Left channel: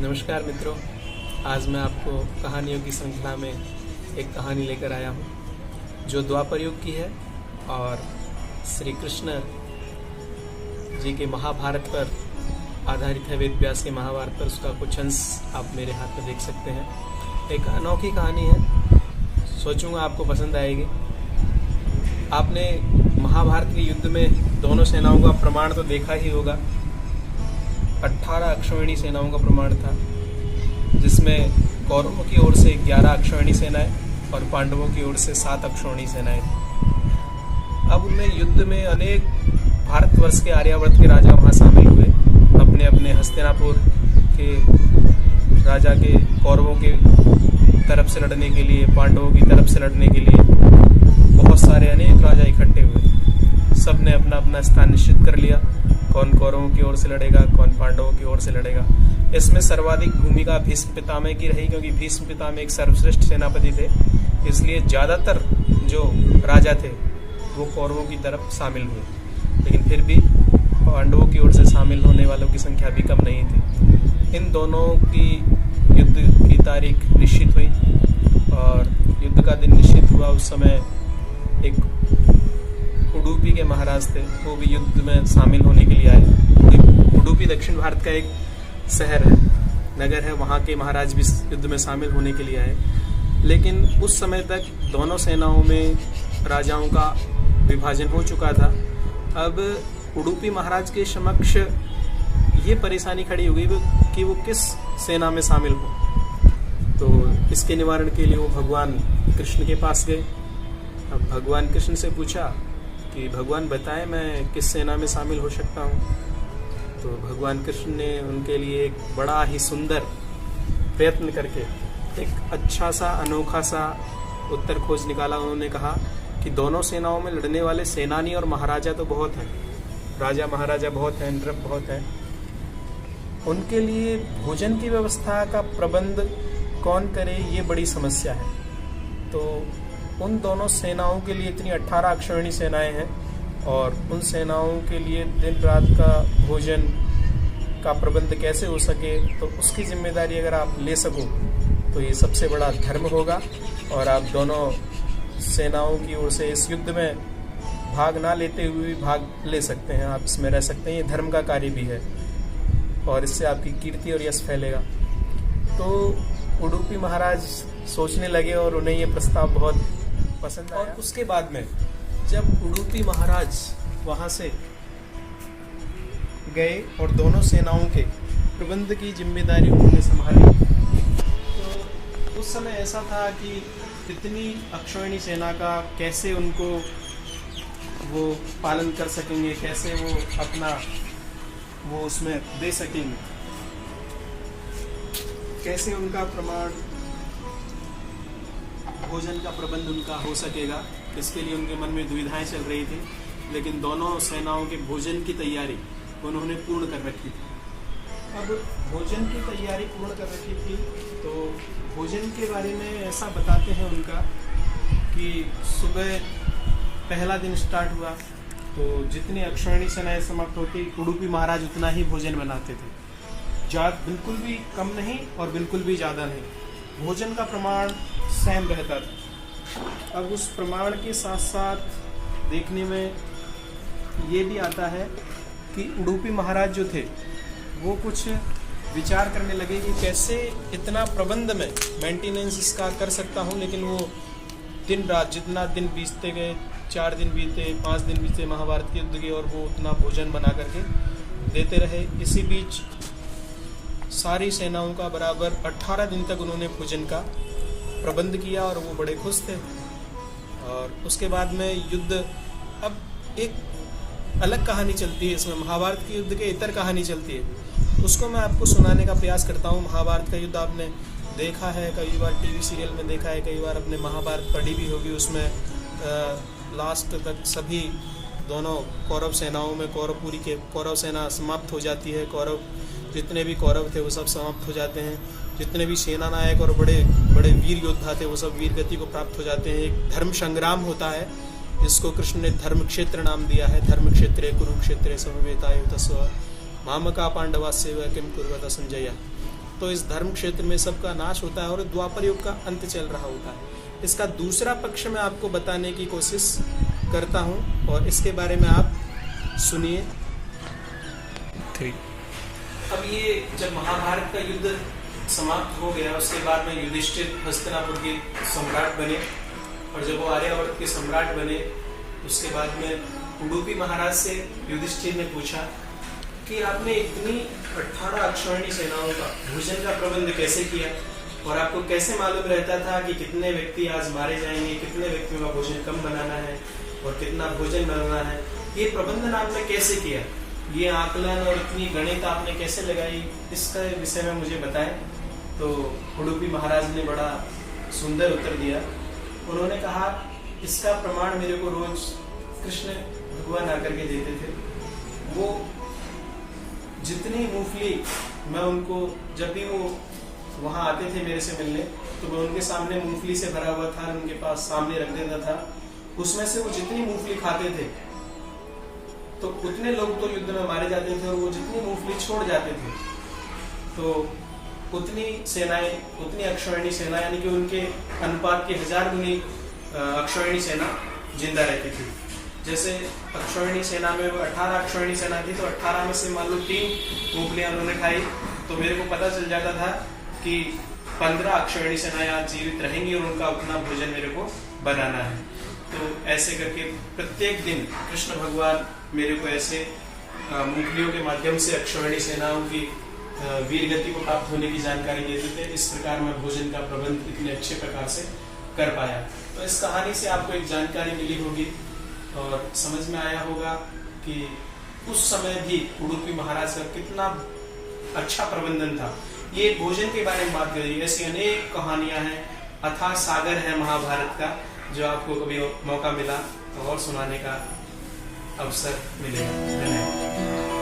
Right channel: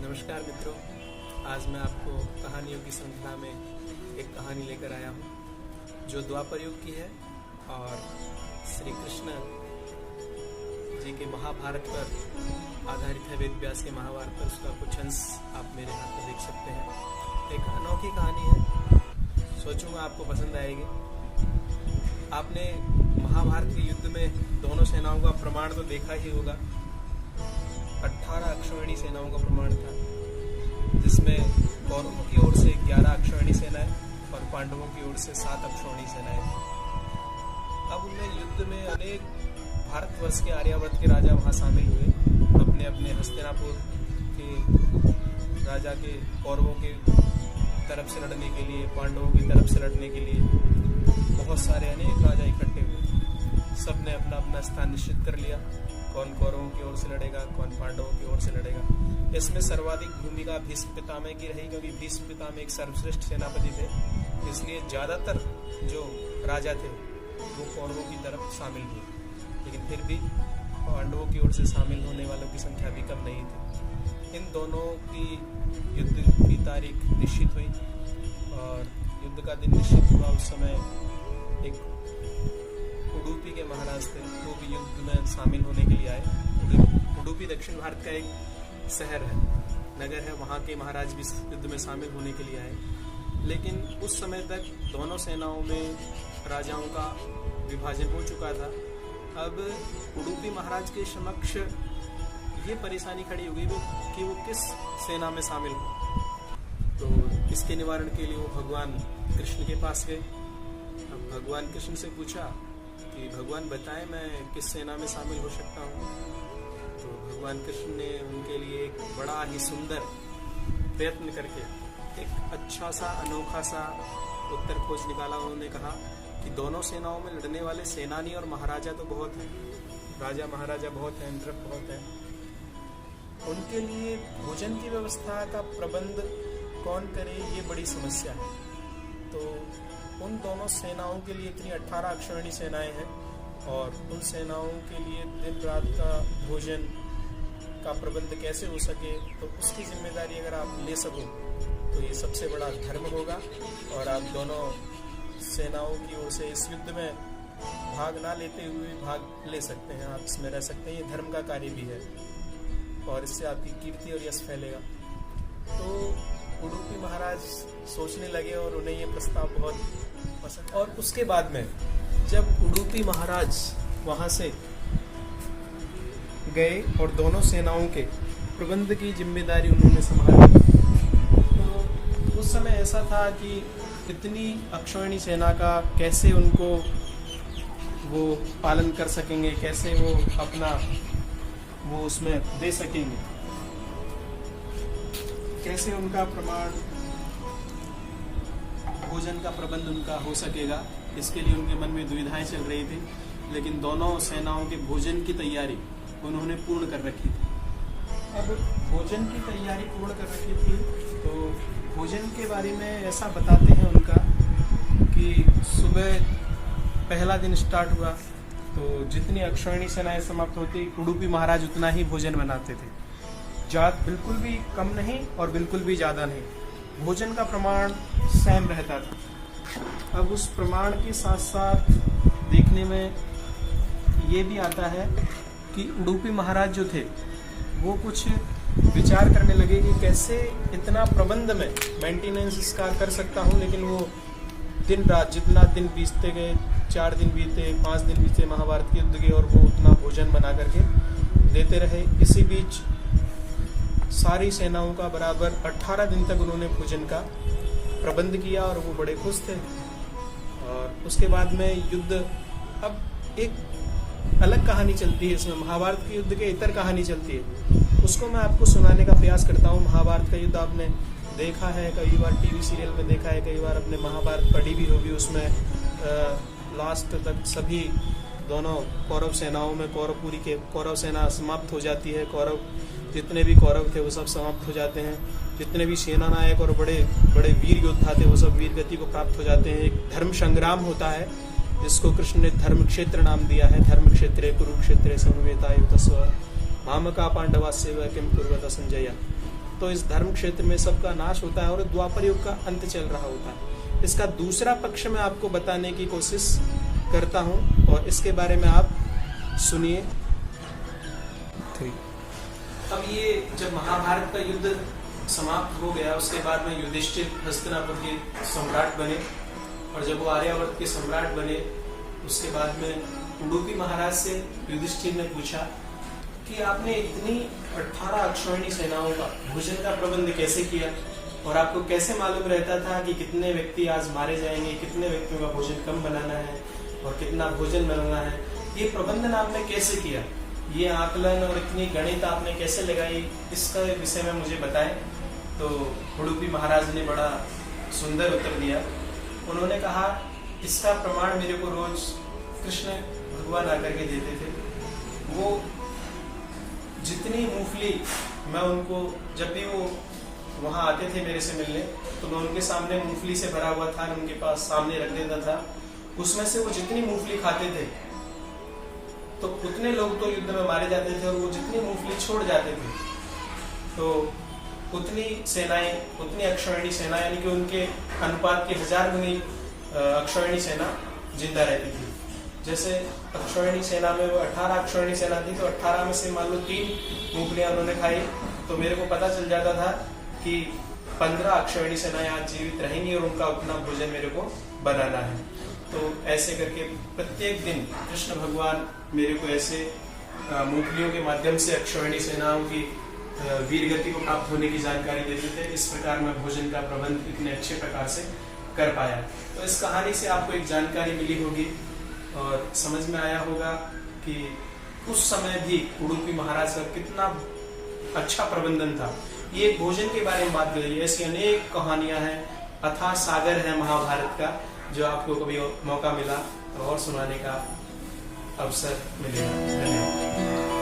नमस्कार मित्रों, आज मैं आपको कहानियों की श्रृंखला में एक कहानी लेकर आया हूँ जो द्वापर युग की है और श्री कृष्ण जी के महाभारत पर आधारित है। वेद व्यास के महाभारत पर उसका कुछ अंश आप मेरे हाथ में देख सकते हैं। एक अनोखी कहानी है, सोचूंगा आपको पसंद आएगी। आपने महाभारत के युद्ध में दोनों सेनाओं का प्रमाण तो देखा ही होगा। 18 अक्षौहिणी सेनाओं का प्रमाण था, जिसमें कौरवों की ओर से 11 अक्षौहिणी सेनाएं और पांडवों की ओर से 7 अक्षौहिणी सेनाएं थी। अब उनमें युद्ध में अनेक भारतवर्ष के आर्यावर्त के राजा वहां शामिल हुए। अपने अपने हस्तिनापुर के राजा के कौरवों के तरफ से लड़ने के लिए, पांडवों की तरफ से लड़ने के लिए बहुत सारे अनेक राजा इकट्ठे हुए। सब ने अपना अपना स्थान निश्चित कर लिया, कौन कौरवों की ओर से लड़ेगा, कौन पांडवों की ओर से लड़ेगा। इसमें सर्वाधिक भूमिका भीष्म पितामह की रही, क्योंकि भीष्म पितामह एक सर्वश्रेष्ठ सेनापति थे। इसलिए ज्यादातर जो राजा थे वो कौरवों की तरफ शामिल हुए, लेकिन फिर भी पांडवों की ओर से शामिल होने वालों की संख्या भी कम नहीं थी। इन दोनों की युद्ध की तारीख निश्चित हुई और युद्ध का दिन निश्चित हुआ। उस समय एक उडुपी के महाराज थे, वो भी युद्ध में शामिल होने के लिए आए। उडुपी दक्षिण भारत का एक शहर है, नगर है, वहाँ के महाराज भी युद्ध में शामिल होने के लिए आए। लेकिन उस समय तक दोनों सेनाओं में राजाओं का विभाजन हो चुका था। अब उडुपी महाराज के समक्ष ये परेशानी खड़ी हो गई कि वो किस सेना में शामिल हो। तो इसके निवारण के लिए वो भगवान कृष्ण के पास गए। अब भगवान कृष्ण से पूछा कि भगवान बताएं मैं किस सेना में शामिल हो सकता हूँ। तो भगवान कृष्ण ने उनके लिए एक बड़ा ही सुंदर प्रयत्न करके एक अच्छा सा अनोखा सा उत्तर खोज निकाला। उन्होंने कहा कि दोनों सेनाओं में लड़ने वाले सेनानी और महाराजा तो बहुत हैं, राजा महाराजा बहुत हैं, नृप बहुत हैं। उनके लिए भोजन की व्यवस्था का प्रबंध कौन करे, ये बड़ी समस्या है। तो उन दोनों सेनाओं के लिए इतनी 18 अक्षौहिणी सेनाएं हैं और उन सेनाओं के लिए दिन रात का भोजन का प्रबंध कैसे हो सके, तो उसकी जिम्मेदारी अगर आप ले सको तो ये सबसे बड़ा धर्म होगा और आप दोनों सेनाओं की ओर से इस युद्ध में भाग ना लेते हुए भाग ले सकते हैं, आप इसमें रह सकते हैं। ये धर्म का कार्य भी है और इससे आपकी कीर्ति और यश फैलेगा। तो उडुपी महाराज सोचने लगे और उन्हें ये प्रस्ताव बहुत पसंद आया। और उसके बाद में जब उडुपी महाराज वहां से गए और दोनों सेनाओं के प्रबंध की जिम्मेदारी उन्होंने संभाली, तो उस समय ऐसा था कि इतनी अक्षौहिणी सेना का कैसे उनको वो पालन कर सकेंगे, कैसे वो अपना वो उसमें दे सकेंगे, कैसे उनका प्रमाण भोजन का प्रबंध उनका हो सकेगा। इसके लिए उनके मन में दुविधाएं चल रही थी। लेकिन दोनों सेनाओं के भोजन की तैयारी उन्होंने पूर्ण कर रखी थी। अब भोजन की तैयारी पूर्ण कर रखी थी तो भोजन के बारे में ऐसा बताते हैं उनका कि सुबह पहला दिन स्टार्ट हुआ तो जितनी अक्षौहिणी सेनाएं समाप्त होती, उडुपी महाराज उतना ही भोजन बनाते थे। बिल्कुल भी कम नहीं और बिल्कुल भी ज़्यादा नहीं, भोजन का प्रमाण सेम रहता था। अब उस प्रमाण के साथ साथ देखने में ये भी आता है कि उडुपी महाराज जो थे वो कुछ विचार करने लगे कि कैसे इतना प्रबंध में मेंटेनेंस इसका कर सकता हूँ। लेकिन वो दिन रात जितना दिन बीतते गए, 4 दिन बीते, 5 दिन बीते महाभारत के युद्ध के, और वो उतना भोजन बना करके देते रहे। इसी बीच सारी सेनाओं का बराबर 18 दिन तक उन्होंने भोजन का प्रबंध किया और वो बड़े खुश थे। और उसके बाद में युद्ध, अब एक अलग कहानी चलती है इसमें, महाभारत के युद्ध के इतर कहानी चलती है, उसको मैं आपको सुनाने का प्रयास करता हूँ। महाभारत का युद्ध आपने देखा है, कई बार टीवी सीरियल में देखा है, कई बार अपने महाभारत पढ़ी भी होगी। उसमें लास्ट तक सभी दोनों कौरव सेनाओं में कौरव सेना समाप्त हो जाती है। जितने भी कौरव थे वो सब समाप्त हो जाते हैं। जितने भी सेना नायक और बड़े बड़े वीर योद्धा थे वो सब वीर गति को प्राप्त हो जाते हैं। एक धर्म संग्राम होता है जिसको कृष्ण ने धर्म क्षेत्र नाम दिया है। धर्म क्षेत्रे कुरुक्षेत्रे समवेतायुतस्व मामका पांडवास्य किम कुर्वत संजय। तो इस धर्म क्षेत्र में सबका नाश होता है और द्वापर युग का अंत चल रहा होता है। इसका दूसरा पक्ष मैं आपको बताने की कोशिश करता हूँ और इसके बारे में आप सुनिए। अब ये जब महाभारत का युद्ध समाप्त हो गया, उसके बाद में युधिष्ठिर हस्तिनापुर के सम्राट बने, और जब वो आर्यावर्त के सम्राट बने उसके बाद में उडुपी महाराज से युधिष्ठिर ने पूछा कि आपने इतनी 18 अक्षौहिणी सेनाओं का भोजन का प्रबंध कैसे किया, और आपको कैसे मालूम रहता था कि कितने व्यक्ति आज मारे जाएंगे, कितने व्यक्तियों का भोजन कम बनाना है और कितना भोजन बनाना है, ये प्रबंधन आपने कैसे किया, ये आकलन और इतनी गणित आपने कैसे लगाई, इसका विषय में मुझे बताएं। तो उडुपी महाराज ने बड़ा सुंदर उत्तर दिया। उन्होंने कहा, इसका प्रमाण मेरे को रोज कृष्ण भगवान आकर के देते थे। वो जितनी मूंगफली मैं उनको, जब भी वो वहां आते थे मेरे से मिलने, तो मैं उनके सामने मूंगफली से भरा हुआ थाल उनके पास सामने रख देता था। उसमें से वो जितनी मूंगफली खाते थे तो उतने लोग तो युद्ध में मारे जाते थे, और वो जितनी मूंगफली छोड़ जाते थे तो उतनी सेनाएं, उतनी अक्षौहिणी सेना, यानी कि उनके अनुपात के 1000 गुनी अक्षौहिणी सेना जिंदा रहती थी। जैसे अक्षौहिणी सेना में वो 18 अक्षौहिणी सेना थी, तो 18 में से मान लो 3 मूंगफलियां उन्होंने खाई, तो मेरे को पता चल जाता था कि 15 अक्षौहिणी सेनाएं आज जीवित रहेंगी और उनका उतना भोजन मेरे को बनाना है। तो ऐसे करके प्रत्येक दिन कृष्ण भगवान मेरे को ऐसे मूंगफलियों के माध्यम से अक्षौहिणी सेनाओं की वीर गति को प्राप्त होने की जानकारी देते थे। इस प्रकार मैं भोजन का प्रबंध इतने अच्छे प्रकार से कर पाया। तो इस कहानी से आपको एक जानकारी मिली होगी और समझ में आया होगा कि उस समय भी उडुपी महाराज का कितना अच्छा प्रबंधन था। ये भोजन के बारे में बात करी, ऐसी अनेक कहानियां हैं, अथाह सागर है महाभारत का, जो आपको कभी मौका मिला और सुनाने का अवसर मिलेगा। धन्यवाद।